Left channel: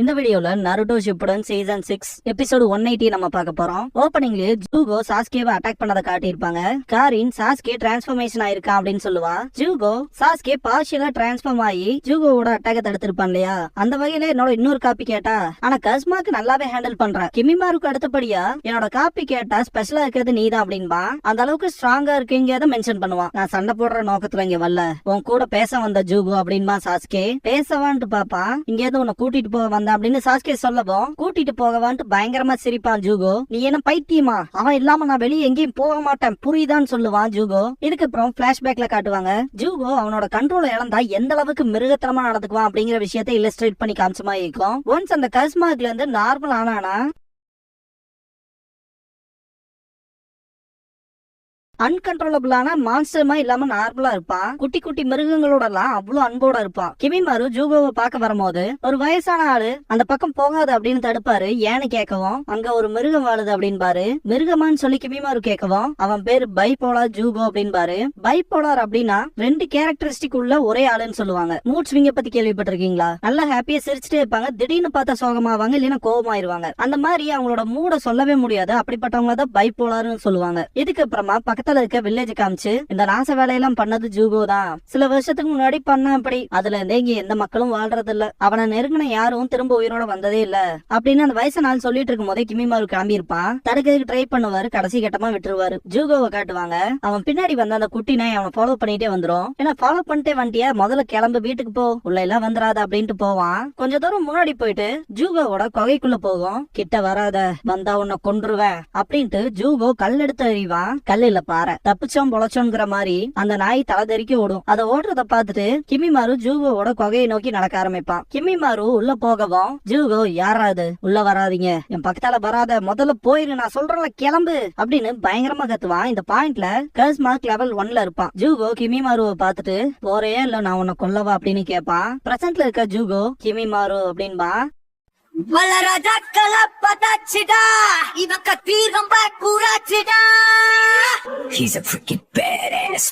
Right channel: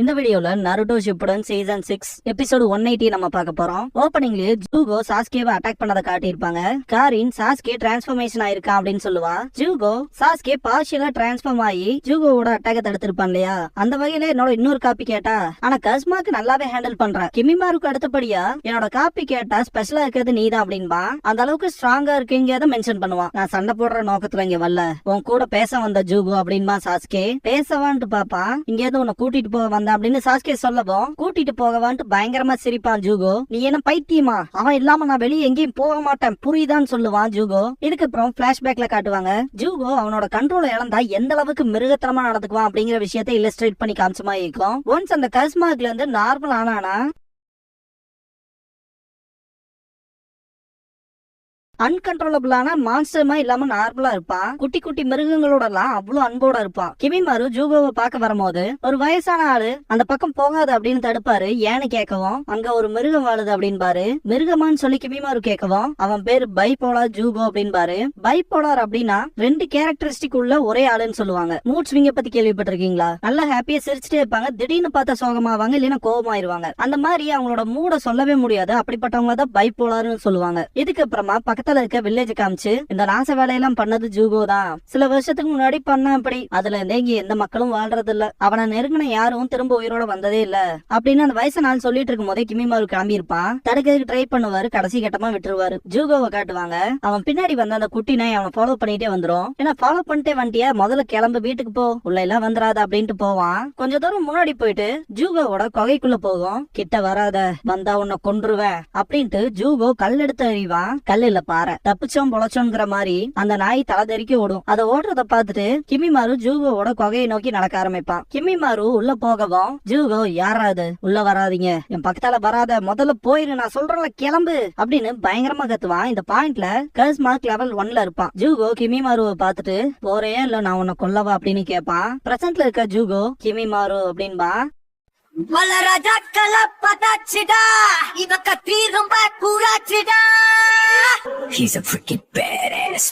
இந்த வீடியோல Naruto Shippuden season 6 episode 180 நம்ம பார்க்க போறோம். ஓபனிங்லயே ஜூகோ சாஸ்கேவை அட்டாக் பண்ணத காட்டியிருப்பாங்க. காரின் சாஸ்கே டிரான்ஸ்ஃபர்மேஷன் ஆயிருக்கான் அப்படின்னு சொல்லுவா. ஜூகோ சாஸ்கே பார்ஷியலா டிரான்ஸ்ஃபார்ம் ஆகி ஜூகோவோட அட்டாக்க தடுத்திருப்பான் இல்லையா, அந்த வகையில என்னோட இன்னொரு காப்பி கேட்டா ஆனா கஸ்மாக்கு நல்லாவே ஹேண்டில் பண்ற. கிமிமாருக்கு அடுத்தபடியா என்னோட காப்பி கேட்டா ஸ்பெஷலா இருக்கிறது நீதான் அப்படின்பா. அந்த அளவுக்கு ஸ்ட்ராங்கா இருக்கீங்க மென்ஷன் பண்ணுவான். நான் சண்டை போடுற நோக்கத்துல இங்க வரல, உன் கூட பேச வந்த ஜூகோ அப்படின்பா. சாஸ்கே பேசவான்ட்டு பாப்பா, இங்க இருந்து உன்னை கூட்டிட்டு போக வந்த அப்படின்னு சாஸ்கே சொல்லவும் கூட்டிட்டு போகவான்ட்டு பயங்கரமா சிரிப்பான் ஜூகோ. நீ என்ன பைத்தியமா, அவன் இல்லாம நான் வெளியே எங்கேயும் போக மாட்டேன் புரியுதான்னு சொல்லுவான் ஜூகோ. இதுக்கப்புறம் பிளாஷ்பேக்ல காட்டுவாங்க ஜூகோ அவனோட கண்ட்ரோல் இழந்தா எந்த அளவுக்கு மிருகத்தனமா நடந்துக்குவான் அப்படிங்கிற விஷயத்தை இல்லஸ்ட்ரேட் பண்ணி காமிச்சமா இருக்கும். ஒன்ஸ் அந்த கஸ்மாக்ல இருந்து நார்மல் ஆனானா அன்கண்ட்ரோலபிளான மான்ஸ்டர்மா இல்லாம நார்மலா இருப்பான். குட்டி குட்டி மிருகங்களோட எல்லாம் அவ்வளவு அன்போட இருப்பான். கிமிமாரு ஜூகோவை பார்க்க வரும்போது ஒரு வயசான ஆளு அந்த பக்கம் போகாது அப்படின்னு தடுப்பாரு. ஏன்னு கேட்கவும் அங்க ஒரு மிருகம் வாழுது அப்படின்பாரு. மிருகமான்னு சொல்லி கிமிமாரு கேட்கவும் அவன் பேரு பைபோலார் ஜூகோ அப்படின்பாரு. பைபோலார் அப்படின்னா ரெண்டு கேரக்டரிஸ்டிக் உள்ள ஒரே ஆளுன்னு சொல்லுவாங்க. மூட் ஸ்விங்க பத்தி கேள்விப்பட்டிருக்கீங்களா? நல்லா ஹாப்பியா சிரிச்சுட்டே இருப்பாங்க, திடீர்னு பார்த்தா சோகமாவாங்க, இல்லைன்னா கோபமாயிருவாங்க. அந்த மாதிரி அவங்களோட மூட சொல்லவே முடியாது. அப்படிப்பட்டவங்க தான் பைபோலார்னு சொல்லுவாங்க. இதுக்கப்புறமா இருக்க வில்லேஜ் காமிச்சு இந்த நாச வேலையெல்லாம் பண்ணது ஜூகோ தான். சில வருஷத்துக்கு முன்னாடி பண்ண அப்படி அதுல இருந்தே இங்க எந்த மக்களும் வாழ்றது இல்ல, அவனை நெருங்கின யாரும் திரும்ப உயிரோட வந்ததே இல்ல அப்படின்னு அந்த வயசு நாள் சொல்லிட்டு இருக்கும் போதே கிமிமாரு கிளம்பி இருப்பான். தடுக்கிறதுக்கு ட்ரை பண்ணுவாரு, கடைசி கட்டமா விட்டுருவாரு. ஜூகோவை காட்டுவாங்க. அவன் பின்னாடி வந்த அந்த குட்டி நாய் அவனை ஃபாலோ பண்ணிட்டே வந்துரும். ஏன்னா ஃபாலோ பண்ணிட்டே வந்துட்டியா, முதல்ல கிளம்பு வீட்டுக்கு போ, உள்ள எல்லாம் வந்துடாத அப்படின்ட்டு போவான். கொஞ்ச தூரம் முன்னாடி போயிட்டு ஜூகோவோட கொகைக்குள்ள போகும். கிட்ட வராத, வந்தா உன்னை கொன்றுவேன் அப்படின்ட்டு ஜூகோ கல் எடுத்து எறிவான். கல் இல்ல பாறை. தப்பிச்சோம் பொழைச்சோங்கிற மாதிரி அந்த நாய் தலை தெறிக்க ஓடும். அதை ஓடுறத பார்த்துட்டு கிமிமாரு ஜூகோவோட கொகையை நோக்கி நடக்க ஆரம்பிப்பான். கிமிமாரு உள்ள போகவும் ஜூகோ யாராது உள்ள வராதீங்க, என் பக்கத்தால வராத, முதல்ல போயிரு, நான் சொல்றேன்ல கிளம்பு அப்படின்னு பயங்கரமா கத்துவான். இந்த பாயிண்ட்ல கஸ்மார்க் லெவல் 1ல இருப்பான். ஜூகோ கிமிமாருவை பார்த்துட்டு போறே இல்ல நான் உன்னை கொல்லவா அப்படின்னு கேட்பான். பிரசன்ட்ல இருக்க ஜூகோ கிமிமாரு அப்படின்பா. He's a freaking badass.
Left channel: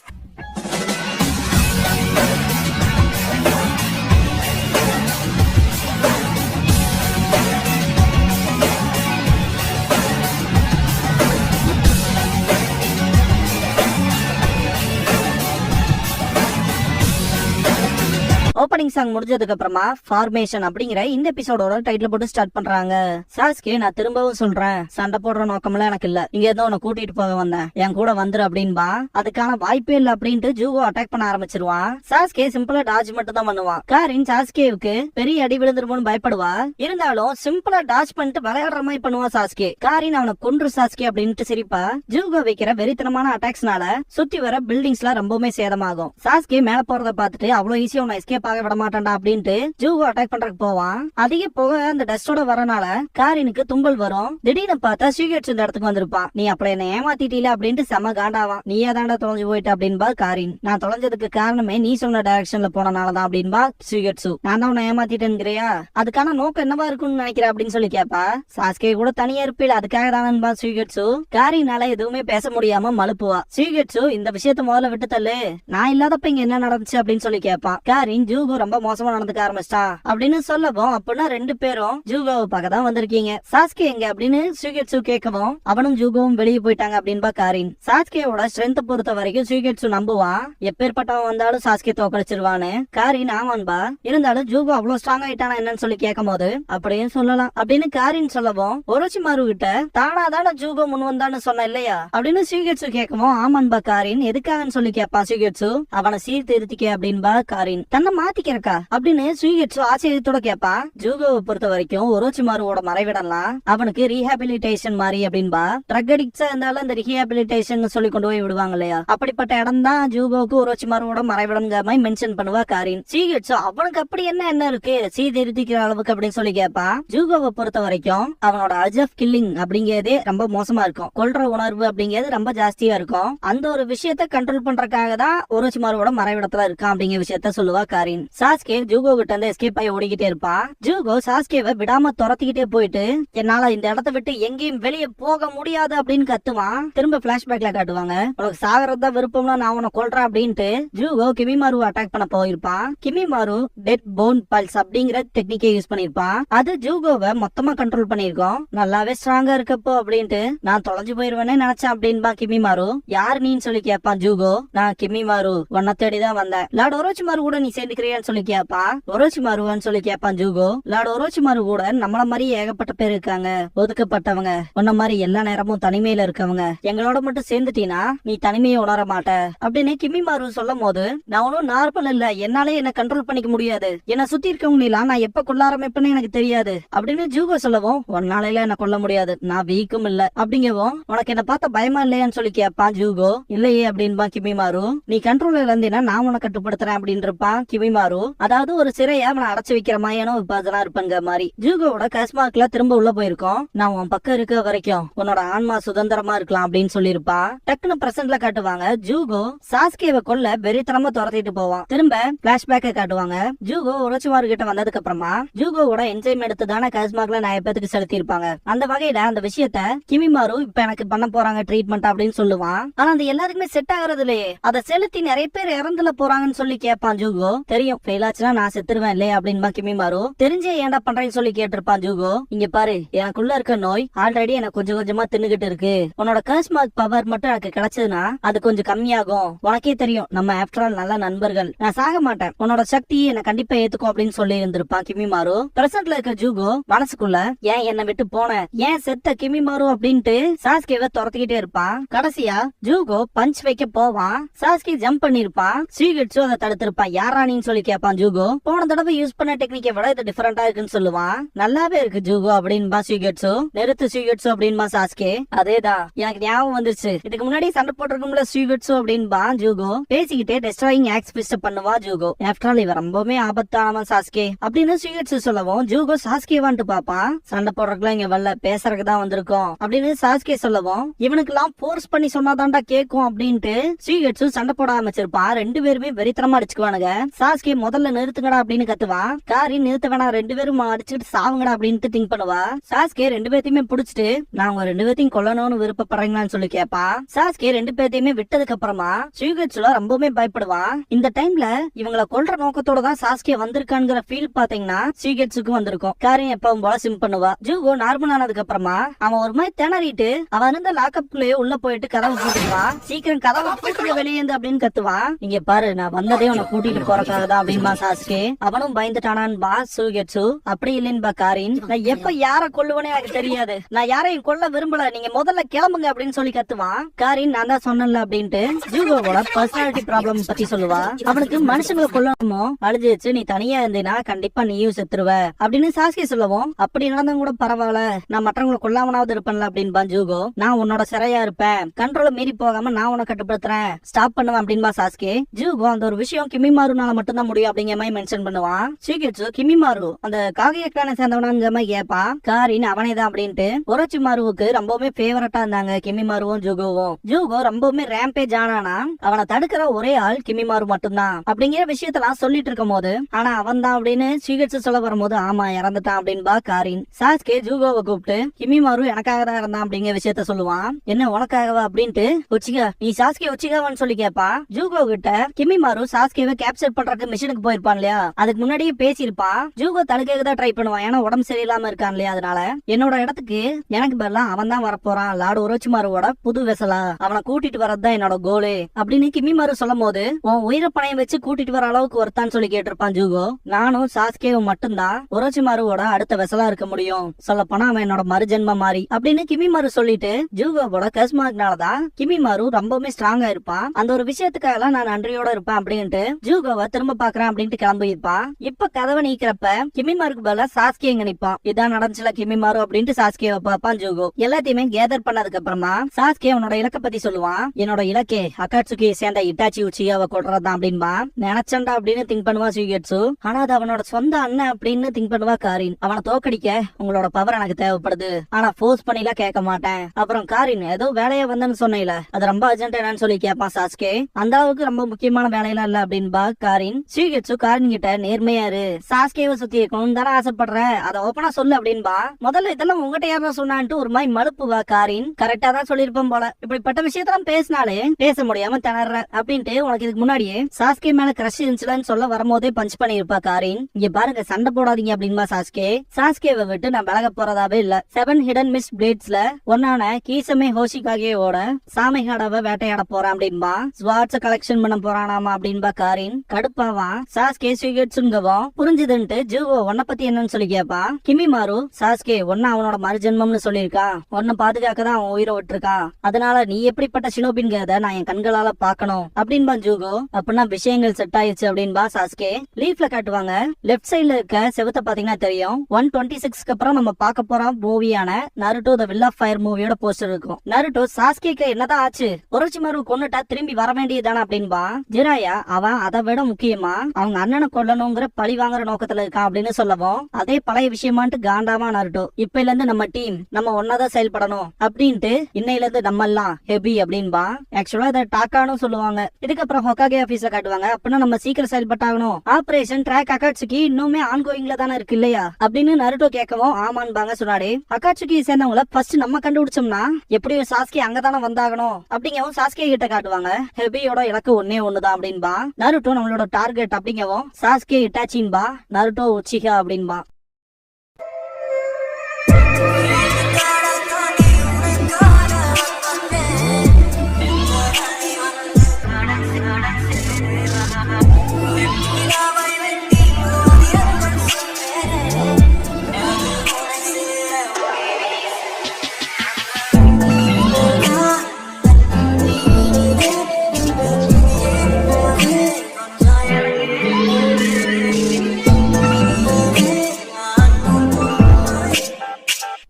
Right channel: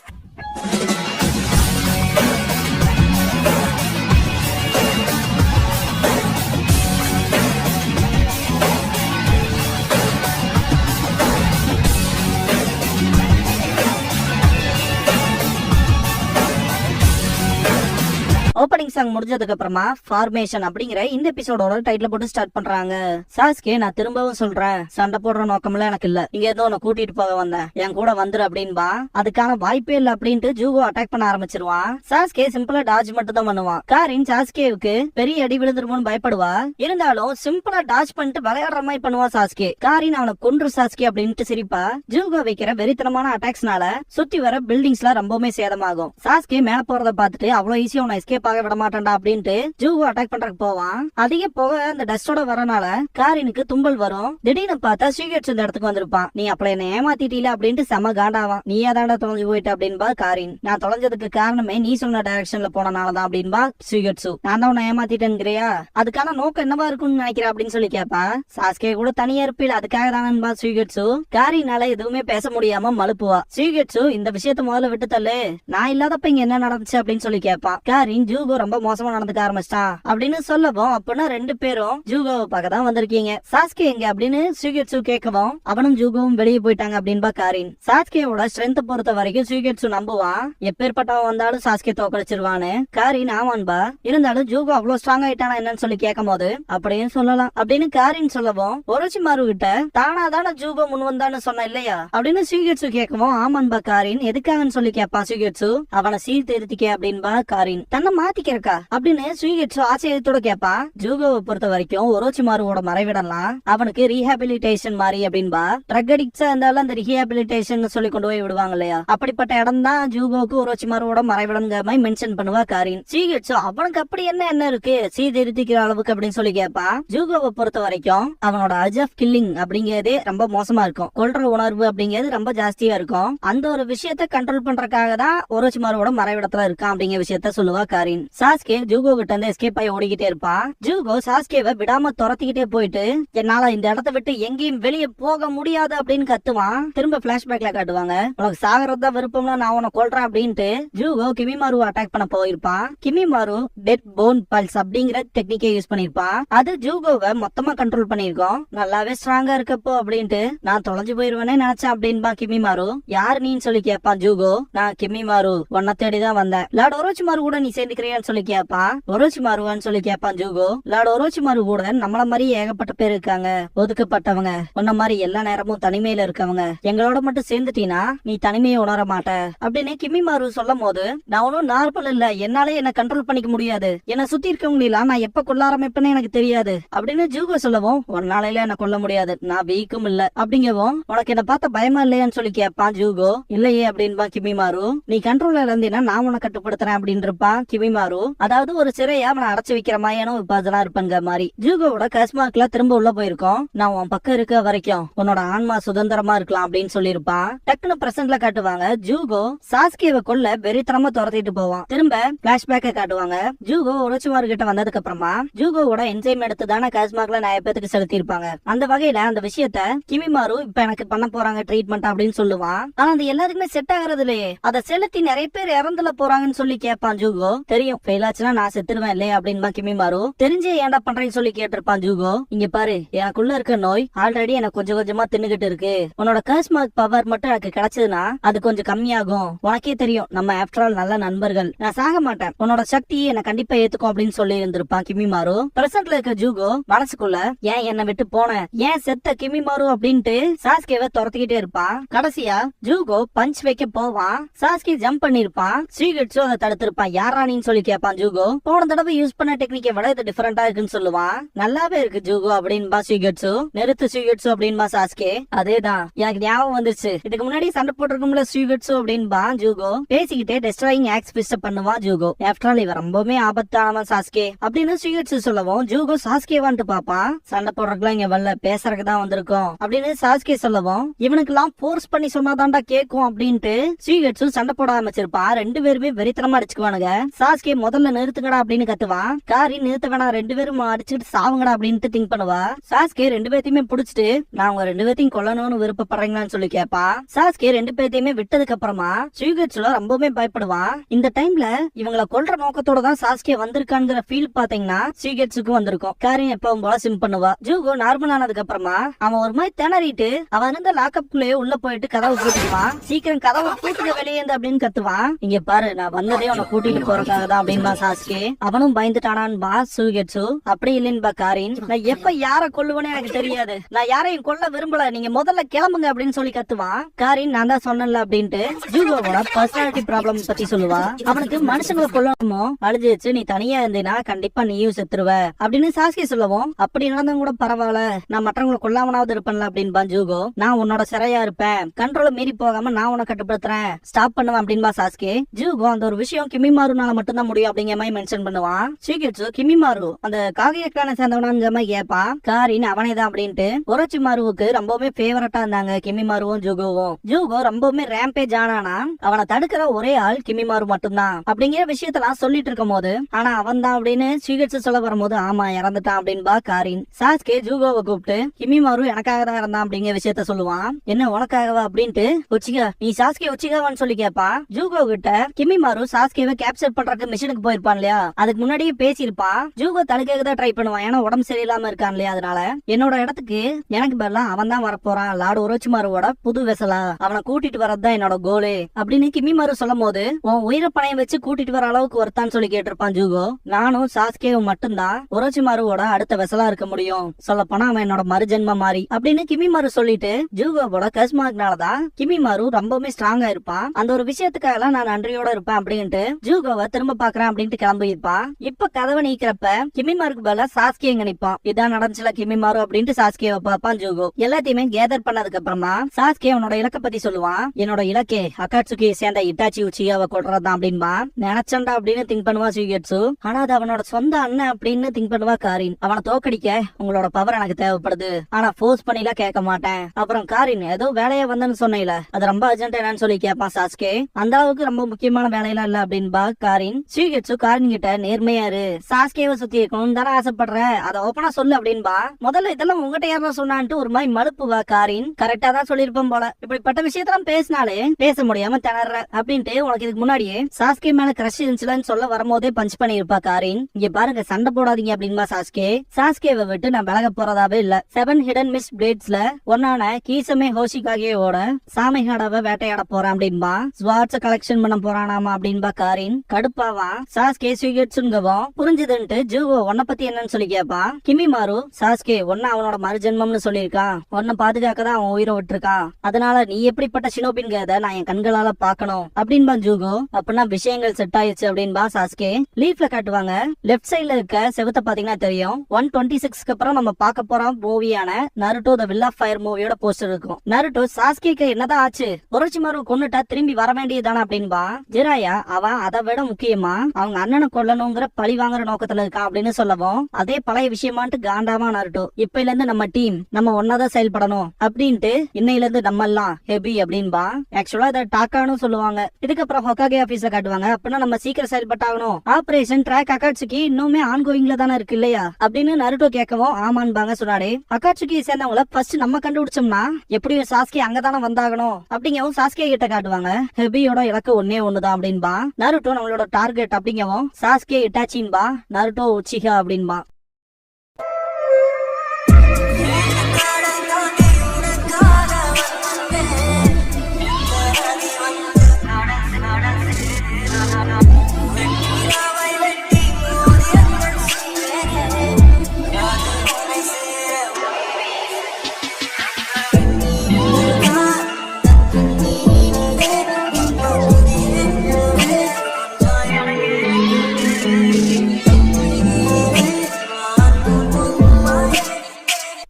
Opening song முடிஞ்சதுக்கு அப்புறமா ஃபார்மேஷன் அப்படிங்கிற இந்த எபிசோடோட டைட்டில் போட்டு ஸ்டார்ட் பண்றாங்க. சாஸ்கே நான் திரும்பவும் சொல்றேன், சண்டை போடுற நோக்கம்லாம் எனக்கு இல்ல, இங்க இருந்து உன்னை கூட்டிட்டு போக வந்தேன், என் கூட வந்துரு அப்படின்பா. அதுக்கான வாய்ப்பே இல்ல அப்படின்ட்டு ஜூகோ அட்டாக் பண்ண ஆரம்பிச்சிருவான். சாஸ்கே சிம்பிளா டாஜ் மட்டும் தான் பண்ணுவான். காரின் சாஸ்கேவுக்கு பெரிய அடி விழுந்துருமோன்னு பயப்படுவா. இருந்தாலும் சிம்பிளா டாஜ் பண்ணிட்டு விளையாடுற மாதிரி பண்ணுவான் சாஸ்கே. காரின் அவனை கொன்று சாஸ்கே அப்படின்ட்டு சிரிப்பா. ஜூகோ வைக்கிற வெறித்தனமான அட்டாக்ஸ்னால சுத்தி வர பில்டிங்ஸ்ல ரொம்பவுமே சேதமாகும். சாஸ்கே மேல போறத பார்த்துட்டு அவ்வளவு ஈஸியா உன்னை எஸ்கேப் விட மாட்டான்டா அப்படின்ட்டு ஜூகோ அட்டாக் பண்றதுக்கு போவான். அதிக போக அந்த டஸ்டோட வரனால காரினுக்கு தும்பல் வரும். திடீர்னு பார்த்தா ஷூகெட்ஸ் இந்த இடத்துக்கு வந்திருப்பான். நீ அப்ப என்ன ஏமாத்திட்டீல அப்படின்ட்டு செம காண்டாவான். நீ ஏதாண்டா தொலைஞ்சு போயிட்ட அப்படின்பா காரின். நான் தொலைஞ்சதுக்கு காரணமே நீ சொன்ன டைரக்ஷன்ல போனனாலதான் அப்படின்பா ஷூகெட்ஸு. நான் தான் உன்னை ஏமாத்திட்டேங்கிறியா, அதுக்கான நோக்கம் என்னவா இருக்கும்னு நினைக்கிற அப்படின்னு சொல்லி கேப்பா. சாஸ்கே கூட தனியா இருப்பில், அதுக்காக தானன்பா ஷூகெட்ஸு. காரினால எதுவுமே பேச முடியாம மழுப்புவா. ஷூகெட்ஸு இந்த விஷயத்த முதல்ல விட்டு தள்ளு, நான் இல்லாதப்ப இங்க என்ன நடந்துச்சு அப்படின்னு சொல்லி கேப்பான். காரின் ஜூகோ ரொம்ப மோசமா நடந்துக்க ஆரம்பிச்சா அப்படின்னு சொல்லவும் அப்படின்னா ரெண்டு பேரும் ஜூகோவை பார்க்க தான் வந்திருக்கீங்க, சாஸ்கே எங்க அப்படின்னு ஷூகெட்ஸு கேட்கவும் அவனும் ஜூகோவும் வெளியே போயிட்டாங்க அப்படின்பா காரின். சாஸ்கேவோட ஸ்ட்ரென்த் பொறுத்த வரைக்கும் ஷூகெட்ஸு நம்புவான், எப்பேற்பட்டவன் வந்தாலும் சாஸ்கே தோக்கடிச்சிருவான்னு. காரின் ஆமான்பா, இருந்தாலும் ஜூகோ அவ்வளவு ஸ்ட்ராங் ஆயிட்டானா என்னன்னு சொல்லி கேட்கும் போது அப்படியே சொல்லலாம் அப்படின்னு காரின் சொல்லவும் ஒரோச்சிமாரு கிட்ட தானாதான ஜூகோ முன் வந்தான்னு சொன்ன இல்லையா அப்படின்னு ஷூகெட்ஸு கேட்கவும் ஆமான்பா காரின், எதுக்காகன்னு சொல்லி கேட்பா ஷூகெட்ஸு. அவனை சீர்திருத்திக்க அப்படின்பா காரின். தன்னை மாத்திக்கிறக்கா அப்படின்னு ஷூகெட்ஸு ஆச்சரியத்தோட கேப்பா. ஜூகோவை பொறுத்த வரைக்கும் ஒரோச்சிமாருவோட மறைவிடலாம் அவனுக்கு ரீஹாபிலிட்டேஷன் மாதிரி அப்படின்பா. ட்ரக் அடிக்ட்ஸா இருந்தாலும் அந்த ரீஹாபிலிட்டேஷன் சொல்லி கொண்டு போய் விடுவாங்க இல்லையா, அப்படிப்பட்ட இடம் தான் ஜூகோவுக்கு ஒரோச்சிமாருவோட மறைவிடம் மாதிரி மென்ஷன் பண்ணுவா காரின். ஷூகெட்ஸு அவனுக்கு அப்படி என்ன இருக்கு சீர்திருத்திக்கிற அளவுக்கு அப்படின்னு சொல்லி கேப்பா. ஜூகோவை பொறுத்த வரைக்கும் அவனோட அஜப் கில்லிங் அப்படிங்கறதே ரொம்ப மோசமா இருக்கும், கொல்ற உணர்வு அப்படிங்கிறது ரொம்ப ஜாஸ்தியா இருக்கும். அந்த ஒரு விஷயத்த கண்ட்ரோல் பண்றதுக்காக தான் ஒரோச்சிமாருவோட மறைவிடத்துல இருக்கான் அப்படிங்கிற விஷயத்த சொல்லுவா காரின். சாஸ்கே ஜூகோ கிட்ட இருந்து எஸ்கேப் ஆகி ஓடிக்கிட்டே இருப்பான். ஜூகோ சாஸ்கேவை விடாம துரத்திக்கிட்டே போயிட்டு என்னால இந்த இடத்த விட்டு எங்கேயும் வெளியே போக முடியாது அப்படின்னு கத்துவான். திரும்ப பிளாஷ்பேக்ல காட்டுவாங்க, உனக்கு சாகறதா விருப்பம்னா நான் உன்னை கொல்றேன் அப்படின்ட்டு ஜூகோ கிமிமாருவை அட்டாக் பண்ண போயிருப்பான். கிமிமாரு டெட் போன் பல்ஸ் அப்படிங்கிற டெக்னிக்கை யூஸ் பண்ணிருப்பான். அது ஜூகோவை மொத்தமா கண்ட்ரோல் பண்ணிருக்கோம். நல்லாவே ஸ்ட்ராங்கா இருக்கப்போ அப்படின்ட்டு நான் தொலைஞ்சு போயிருவேனே நினைச்சேன் அப்படின்பா கிமிமாரு. யாரு நீன்னு சொல்லி கேட்பான் ஜூகோ. நான் கிமிமாரு, உன்னை தேடிதான் வந்தேன். லார்ட் ஒரோச்சிமாரு கூட நீ சேர்ந்துக்கிறியான்னு சொல்லி கேட்பான். ஒரோச்சிமாருவான்னு சொல்லி கேட்பான் ஜூகோ. லார்ட் ஒரோச்சிமாரு கூட நம்மள மாதிரி ஏகப்பட்ட பேர் இருக்காங்க, ஒதுக்கப்பட்டவங்க, உன்ன மாதிரி எல்லா நேரமும் தனிமையில இருக்கவங்க. எங்களோட மட்டும் சேர்ந்துட்டீனா நீ தனிமையை உணர மாட்ட அப்படின்னு கிமிமாரு சொல்லும் போது, நான் ஒன்னும் நார்மல் இல்ல, என்னாலே என்ன கண்ட்ரோல் பண்ணிக்க முடியாது, என்ன சுத்தி இருக்கவங்களா நான் எப்ப கொல்ல ஆரம்பிப்பேன்னு எனக்கு தெரியாது அப்படின்னு ஜூகோ சொல்லவும், உன்னால என்ன கொல்ல முடியாது, நான் வீக்கும் இல்ல அப்படிங்கவும், உனக்கு என்ன பார்த்த பயமா இல்லையான்னு சொல்லி கேட்பான் ஜூகோ. இல்லையே அப்படின்பா கிமிமாரு. நீ கண்ட்ரோல்ல இருந்தீனா நான் உன கட்டுப்படுத்துறேன் அப்படின்னு இருப்பான் கிமிமாரு. அதாவது ஒரு சிறைய அவனை அடைச்சு வைக்கிற மாதிரியான ஒரு பர்சனா இருப்பாங்க மாதிரி. ஜூகோவோட கஸ்மார்க்ல திரும்ப உள்ள போயிருக்கோம். நான் உன் பக்கம் இருக்க வரைக்கும் உன்னோட ஆன்மா சுதந்திரமா இருக்கலாம் அப்படின்னு சொல்லிருப்பான். டக்குனு பிரசன்ட்ல காட்டுவாங்க, ஜூகோ சாஸ்கேவை கொல்ல வெறித்தனமா துரத்திட்டு போவான். திரும்ப பிளாஷ்பேக்க காட்டுவாங்க. ஜூகோ ஒரோச்சிமாரு கிட்ட வந்ததுக்கு அப்புறமா ஜூகோவோட என்ஜாய்மெண்ட் எடுத்து தானே கஸ்மார்க்ல நிறைய பேருக்கு செலுத்தி இருப்பாங்க. அந்த வகையில அந்த விஷயத்த கிமிமாரு இப்ப எனக்கு பண்ண போறாங்க ட்ரீட்மெண்ட் அப்படின்னு சொல்லுவான். ஆனா அது எல்லாருக்குமே செட் ஆகிறது இல்லையே, அதை செலுத்தி நிறைய பேர் இறந்துல போறாங்கன்னு சொல்லி கேட்பான் ஜூகோ. தெரியும், ஃபெயில் ஆச்சுன்னா நான் செத்துருவேன் இல்லையா அப்படின்பா கிமிமாரு. தெரிஞ்சே ஏன்டா பண்றேன்னு சொல்லி கேட்டிருப்பான் ஜூகோ. இங்க பாரு, எனக்குள்ள இருக்க நோய் ஆல்ரெடி எனக்கு கொஞ்சம் கொஞ்சமா தின்னுகிட்டு இருக்கு. உன்னோட கஸ்மார்க் பவர் மட்டும் எனக்கு கிடைச்சதுன்னா அது கொஞ்சம் கம்மியாகும். உனக்கே தெரியும், நம்ம ஆஃப்டர் ஆல் நல்ல நண்பர்கள், நான் சாக மாட்டேன், உன்னோட சக்தியை என்ன கண்டிப்பா ஏத்துக்கும் அப்படின்னு சொல்லி இருந்திருப்பான் கிமிமாரு. பிரசன்ட்ல இருக்க ஜூகோ மனசுக்குள்ள, ஏன் என்ன விட்டு போன, ஏன் செத்த கிமிமாரு அப்படின்ட்டு சாஸ்கேவை துரத்திக்கிட்டே இருப்பான். கடைசியா ஜூகோ பஞ்ச் வைக்க போவான். Sasuke jump பண்ணிருப்பான். ஸ்ரீகட்சு அதை தடுத்திருப்பான். யாரானின்னு சொல்லி கேட்பான் ஜூகோ. போன தடவை யூஸ் பண்ண டெக்னிக்கை விட இது டிஃபரெண்டா இருக்குன்னு சொல்லுவான். நல்லாவே இருக்கு ஜூகோ அப்படின்பா ஸ்ரீகட்சு. நிறுத்து ஸ்ரீகட்சு அப்படின்பா சாஸ்கே. அதேதான், எனக்கு ஞாபகம் வந்துருச்சு, இதுக்கு முன்னாடி சண்டை போட்டிருக்கும்ல ஸ்ரீகட்சு அப்படின்பா ஜூகோ. பேசிக்கிட்டே டெஸ்ட்ராயிங் ஆக்ஸ் பிஸ்ட் பண்ணுவா ஜூகோ. ஆஃப்டர் ஆல் இவன் ரொம்பவே ஆபத்தானவன் சாஸ்கே அப்படின்னு ஸ்ரீகட்சு சொல்லவும், ஜூகோ சாஸ்கே வந்துட்டு பாப்பான். சண்டை போடுறதுக்குலாம் இங்க வரல, பேசுறதுக்கு தான் வந்திருக்கோம் அப்படின்னு சாஸ்கே சொல்லவும், இவனுக்கு எல்லாம் போர்ஸ் பண்ணி சொன்னாதான்டா கேக்கும் அப்படின்ட்டு ஸ்ரீகட்சு சண்டை போட ஆரம்பிச்சிருப்பான். ரெண்டு பேருமே வெறித்தனமா அடிச்சுக்குவானுங்க. சாஸ்கே முதல்ல நிறுத்துங்கடா அப்படின்னு கத்துவான். காரி நிறுத்த வேணா, ரெண்டு பேரும் அடிச்சுட்டு சாவுங்கடா அப்படின்ட்டு திங்க் பண்ணுவா. சாஸ்கே ரெண்டு பேர்த்தையுமே புடிச்சிட்டு, நான் உங்க ரெண்டு பேர்த்தையும் கொல்லணும்னு விருப்பப்படுறீங்களான்னு சொல்லி கேட்பான். சாஸ்கே ரெண்டு பேர்த்தையுமே விட்டதுக்கு அப்புறமா ஸ்ரீகட்சுல ரொம்பவுமே பயப்படுவான். இந்த டைம்ல இவங்களை கொல்ற நோக்கத்தோட தான் சாஸ்கே வந்திருக்காங்கிற ஃபீல் பாத்தீங்கன்னா ஸ்ரீகட்சுக்கு வந்திருக்கும். காரி எப்பவும் போல சிம் பண்ணுவா. ஜூகோ நார்மல் ஆனதுக்கு அப்புறமா அவன் ஒரு மாதிரி திணறிட்டு அவன் இருந்த லாக்கப்குள்ளேயே உள்ள போயிட்டு கதவை பூட்டுவான். சீக்கிரம் கதவை பூட்டுங்க வெளியே அப்படின்னு கத்துவான். இங்க பாரு, நான் வந்ததே உன்னை கூட்டிட்டு போறதுக்காக தான் அப்படின்பா சாஸ்கே. அவனும் பயந்துட்டானான்பா ஸ்ரீகட்சு. அப்படி இல்லைன்பா காரின். நான் எப்ப யார கொல்லுவனே எனக்கு தெரியாது, நான் யாரையும் கொல்ல விரும்பல, நீங்க முதல்ல கிளம்புங்க அப்படின்னு சொல்லி கத்துவான். காரின் நான் தான் சொன்னல அப்படின்ட்டு ஜூகோவோட பர்சனாலிட்டி ப்ராப்ளம் பத்தி சொல்லுவா. அவனுக்கு மனுஷங்களை கொல்லணுமோ அழிஞ்சிச்சு, நீ தனியா இருந்தீனா கண்டிப்பா நீயும் செத்துருவ அப்படின்னு சாஸ்கே சொல்லவும், அப்படி நடந்தும் கூட பரவாயில்ல, நான் மற்றவங்களை கொல்லாமனாவது இருப்பேன்ல அப்படின்பா ஜூகோ. நான் உன்னோட சிறையா இருப்பேன், கண்ட்ரோல மீறி போகாம நான் உன்னை கட்டுப்படுத்துறேன், ஸ்டாப் பண்ணுவேன் அப்படின்பா சாஸ்கே. ஜூகோ அந்த ஒரு விஷயம் கிமிமாருனால மட்டும்தான் முடியும் அப்படிங்கிற மாதிரி மென்ஷன் பண்ணுவான். ஸ்ரீகட்சு கிமிமாரு அந்த காகியக்கான சேர்ந்தவனாங்கிற மாதிரி கேட்பான். காரின் அவனேதான் அப்படின்ட்டு. ஒரோச்சிமாருவுக்கு ரொம்பவுமே ஃபேவரட்டா இருந்தாங்க கிமிமாருவும் ஜூகோவும். ஜூகோ ரொம்பவுமே ரேம்பேஜ் ஆனானா அவனை தடுக்கிற ஒரே ஆள் கிமிமாரு மட்டும்தான் அப்படிங்கிற விஷயத்தெல்லாம் சொல்லிட்டு இருக்கும் போது, ஆனா அவன் தான் அப்படின்னு ஸ்ரீகட்சு சொல்ல வரும்போது, ஆமா இறந்துட்டான் அப்படின்பா காரின். சாஸ்கே ஜூகோவை கூப்பிட்டு, கிமிமாரு எனக்காக தான் இருந்தான் அப்படிங்கிற விஷயத்த சொல்லுவான். என்ன உனக்காகவா அப்படின்ட்டு, ஒச்சிகா நீ சாஸ்கே ஒச்சிகாவான்னு சொல்லி கேட்பான். ஜூகோ கிட்ட கிமிமாரு சாஸ்கேவை கேப்சர் பண்றதுக்கு மிஷனுக்கு போயிருப்பான் இல்லையா, அதுக்கு முன்னாடியே பேசியிருப்பான். ஜூகோ தடுக்க தான் ட்ரை பண்ணுவான், ஏன்னா உடம்பு சரியில்லாம இருக்கான் இல்லையா, அதனால என்னோட இடத்துக்கு எனக்கு பதிலா அவன் தான் வரப்போறான், லார்ட் ஒரோச்சிமாருவோட புது வெசலா, அவனை கூட்டிட்டு வரதுதான் என்னோட கோலு அப்படின்னு கிமிமாரு சொல்லும் போது, உன் உயிரை பணையம் வச்சு கூட்டிட்டு வர அளவுக்கு ஒருத்தான்னு சொல்லி கேட்டிருப்பான் ஜூகோ. நானும் சாஸ்கேவும் மட்டும்தான் ஒரோச்சிமாருவோட அடுத்த வெசலா இருக்க முடியும், சொல்ல போனா அவன் என்னோட மறுஜென்ம மாறி அப்படின்னு கிமிமாரு சொல்லிட்டு, ஜூகோவோட கஸ்மார்க்னாலதான் கிமிமாரு ரொம்பவுமே ஸ்ட்ராங்கா இருப்பான், அந்த ஒரு விஷயத்துக்காக நான் நன்றியோட இருப்பேன் அப்படின்ட்டு ஜூகோவை திரும்ப பாக்குறேன் அப்படின்ட்டு கிளம்பியிருப்பான். இப்ப கதவை நீக்கிறப்ப கிமிமாருக்கு பதிலா சாஸ்கே எங்க நிப்பான். இதான் நடந்துச்சுல கிமிமாரு அப்படின்ட்டு சாஸ்கேவை பார்ப்பான் ஜூகோ. எல்லாத்தையுமே கேதர் பண்ணதுக்கு அப்புறமா சாஸ்கே அவனோட இலக்க பத்தி சொல்லுவான். என்னோட இலக்கே அகாட்சுகியை சேர்ந்த இட்டாச்சி உச்சியாவை கொள்றதுதான் அப்படின்பா. நினைச்சண்டா அப்படின்னு திங்க் பண்ணுவா ஸ்ரீகட்சு. ஆனா அது அவனோட சொந்த அண்ணன் அப்படின்னு திங்க் பண்ணுவா காரின். அவனை தோக்கடிக்க உங்களோட பவர் எனக்கு தேவைப்படுது, ஆனா போர்ஸ் பண்ணிலாம் கேட்க மாட்டேன். அப்புறம் காரின் ஏதோ வேலையா வந்தேன்னு சொன்னீல, அது ரொம்ப அர்ஜென்ட் என்னன்னு சொல்லி கேட்பான் சாஸ்கே. அந்த அளவுக்கு ரொம்ப முக்கியமான வேலையெல்லாம் இல்ல அப்படின்பா காரின். ஷூகெட்சு காரின் கிட்ட நேர்மையா இரு, சாஸ்கேவை சுத்தி இருக்கணும்னு தானே ஆசைப்படுற, அதை ஓப்பனா சொல்லு அப்படின்பா. முதல்ல இதெல்லாம் உங்ககிட்ட யாரா சொன்னான்ட்டு ஒரு மாதிரி மழுப்புவா காரின். கரெக்டா தான் சொல்லிருப்பேன் போல, இப்படிப்பட்ட விஷயத்தெல்லாம் பேசினாலே பேச முடியாம திணற அப்படின்ட்டு உனக்கு இதுக்கு முன்னாடியே சாஸ்கே மேல கிரஷ் இருந்துச்சுலன்னு சொல்ல வரும்போதே பஞ்ச் பண்ணிருப்பா காரின். இங்க பாருங்க சண்டை போடாதீங்க அப்படின்பா சாஸ்கே. சாஸ்கேவை விட்டு நான் விலக போறதாவே இல்ல. 7 ஹிடன் மிஸ் பிளேட்ஸ்ல ஒன்னான கீசமே ஹோஷிகாகேவோட சாமைகாடாவை வேட்டையாட போறான் அப்படின்பா. ஸ்வாட்ஸ கலெக்ஷன் பண்ண போறானாமா அப்படின்பா காரின். கடுப்பாவா சாஸ்கே ஷூகெட்சுங்கவும் புரிஞ்சுதுன்ட்டு ஜூகோ உன்னை பத்தி என்னன்னு சொல்லி கேப்பா. கிமிமாரு சாஸ்கே ஒன்னு அவனோட மறுஜென்மம்னு சொல்லியிருக்கா, உன்னை பாதுகாக்க தான் அவன் உயிரை விட்டுருக்கா, அதனால நீ எப்படிப்பட்ட ஷினோபின்கிறத நான் என் கண்களால பாக்கணும் அப்படின்பா ஜூகோ. அப்படின்னா விஷயங்கள் செட் ஆயிடுச்சு அப்படின்பா சாஸ்கே. லீஃப்ல காட்டுவாங்க, லெஃப்ட் சைட்ல இருக்க செவத்தை பாத்தீங்கன்னா தெரியும் 126க்கு அப்புறம் நம்ம பார்க்க போற மூவியான Naruto the will of fire மூவியோட போஸ்டர் இருக்கும். நருட்டோ சாஸ்கேக்கு என்னதான் ஆச்சு, ஒரோச்சிமாரு கொன்னுட்டா திரும்பி வர வேண்டியதானே அப்படின்பா. ஜிராயா அவன் அதை விட முக்கியமா அவங்க அண்ணனை கொல்லணுங்கிற பழி வாங்குற நோக்கத்துல இருக்கான் அப்படின்னு சொல்லவும் அதே பழைய விஷயமான்ட்டு காண்டாமா நருட்டோ. இப்பையில இருந்து நம்ம டீம் நம்ம ஒன்னாதான் செயல்படணும் அப்படின்ட்டு இன்னையில இருந்து நம்ம எல்லாம் ஹெபி அப்படின்பா. ஆக்சுவலா இதை டாக்கான்னு சொல்லுவாங்க. இதுக்கப்புறம் ஹொக்காகே ஆபீஸ்ல காட்டுவாங்க. அப்படின்னா நம்ம சீக்கிரம் செயல்பட்டாகணும், ஆபரேஷன் ட்ராக் அகாட்சுகி இன்னுமே ஆன்கோயிங்ல தானே இருக்கு இல்லையா அப்படின்னு நருட்டோ கேட்கவும் ஆமான்பாங்க சொன்னாடே. அகாட்சுகி சேர்ந்தவங்கள ஃபர்ஸ்ட் நம்ம கண்டுபிடிச்சோம்னா எப்படியும் சாஸ்கே அங்கதானே வந்தாகணும் அப்படிங்கவும் சாஸ்கே கிட்ட காட்டுவாங்க. ஹெபியோட இலக்கு ஒன்னே ஒண்ணுதான் அப்படின்பா. நருட்டோ நம்மளோட டார்கெட் அப்படிங்கவும் சாஸ்கே இட்டாச்சின்பா, நருட்டோ உச்சிகா அப்படின்பா.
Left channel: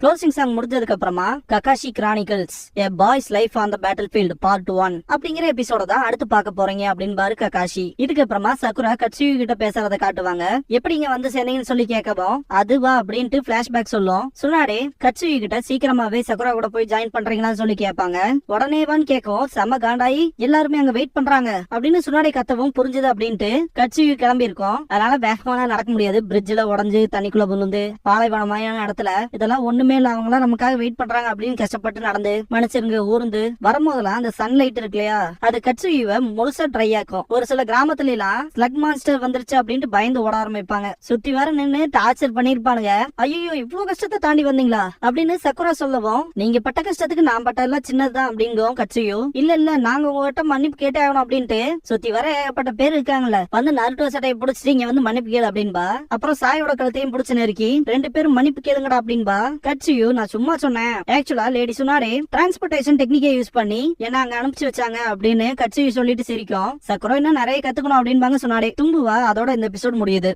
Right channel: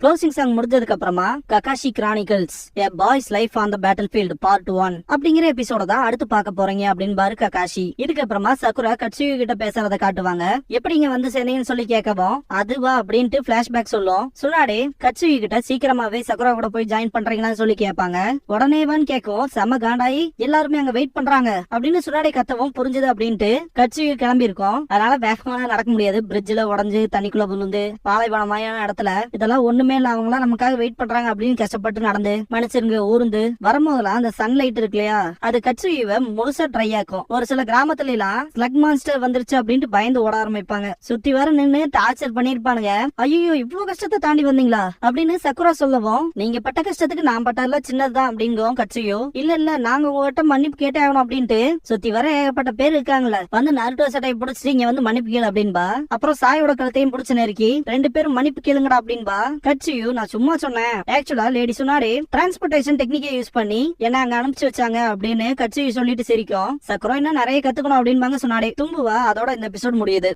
க்ளோசிங் சாங் முடிஞ்சதுக்கு அப்புறமா Kakashi chronicles a boy's life on the battlefield part 1 அப்படிங்கிற எபிசோட தான் அடுத்து பார்க்க போறீங்க அப்படின்னு பாரு ககாஷி. இதுக்கு அப்புறமா சகுரா கட்சுயு கிட்ட பேசுறத காட்டுவாங்க. எப்படி இங்க வந்து சேர்ந்தீங்கன்னு சொல்லி கேட்கவும் அதுவா அப்படின்ட்டு பிளாஷ்பேக் சொல்லும். சுனாடே கட்சுயு கிட்ட சீக்கிரமாவே சகுரா கூட போய் ஜாயின் பண்றீங்களான்னு சொல்லி கேட்பாங்க. உடனேவான்னு கேட்கவும் செம காண்டாயி எல்லாருமே அங்க வெயிட் பண்றாங்க அப்படின்னு சுனாடே கத்தவும் புரிஞ்சது அப்படின்ட்டு கட்சுயு கிளம்பி இருக்கும். அதனால வேகமான நடக்க முடியாது, பிரிட்ஜ்ல உடஞ்சு தண்ணிக்குள்ள விழுந்து பாலைவனமான இடத்துல இதெல்லாம் ஒண்ணுமே அவங்களா நமக்காக வெயிட் பண்றாங்க அப்படின்னு கஷ்டப்பட்டு நடந்து மனுஷருங்க ஊர்ந்து வரும்போதெல்லாம் அந்த சன்லைட் இருக்கு இல்லையா அது கட்சுயுவை முழுசா ட்ரை ஆக்கும். ஒரு சில கிராமத்துல எல்லாம் ஸ்லக் மான்ஸ்டர் வந்துருச்சு அப்படின்ட்டு பயந்து ஓட ஆரம்பிப்பாங்க. சுத்தி வர நின்னு டார்ச்சர் பண்ணிருப்பானுங்க. ஐயோ இவ்வளவு கஷ்டத்தை தாண்டி வந்தீங்களா அப்படின்னு சக்குரா சொல்லவும் நீங்க பட்ட கஷ்டத்துக்கு நான் பட்டதெல்லாம் சின்னதுதான் அப்படிங்கும் கட்சுயு. இல்ல நாங்க உங்ககிட்ட மன்னிப்பு கேட்டே ஆகணும் அப்படின்ட்டு சுத்தி வர ஏகப்பட்ட பேர் இருக்காங்கல்ல வந்து நருட்டோ சட்டையை பிடிச்சிட்டு இங்க வந்து மன்னிப்பு கேளு அப்படின்பா. அப்புறம் சாயோட கழுத்தையும் பிடிச்ச நெருக்கி 2 பேரும் மன்னிப்பு கேளுங்கடா அப்படின்பா. கட்சுயு நான் சும்மா சொன்னேன், ஆக்சுவலா லேடி சுனாடே டிரான்ஸ்போர்டேஷன் டெக்னிக்கை யூஸ் பண்ணி என்ன அங்க அனுப்பிச்சு வச்சாங்க அப்படின்னு கட்சுயு சொல்லிட்டு சிரிக்கும். சக்குரா இன்னும் நிறைய கத்துக்கணும் அப்படின்பாங்க சுனாடே. தும்புவா அதோட இந்த எபிசோட் முடியுது.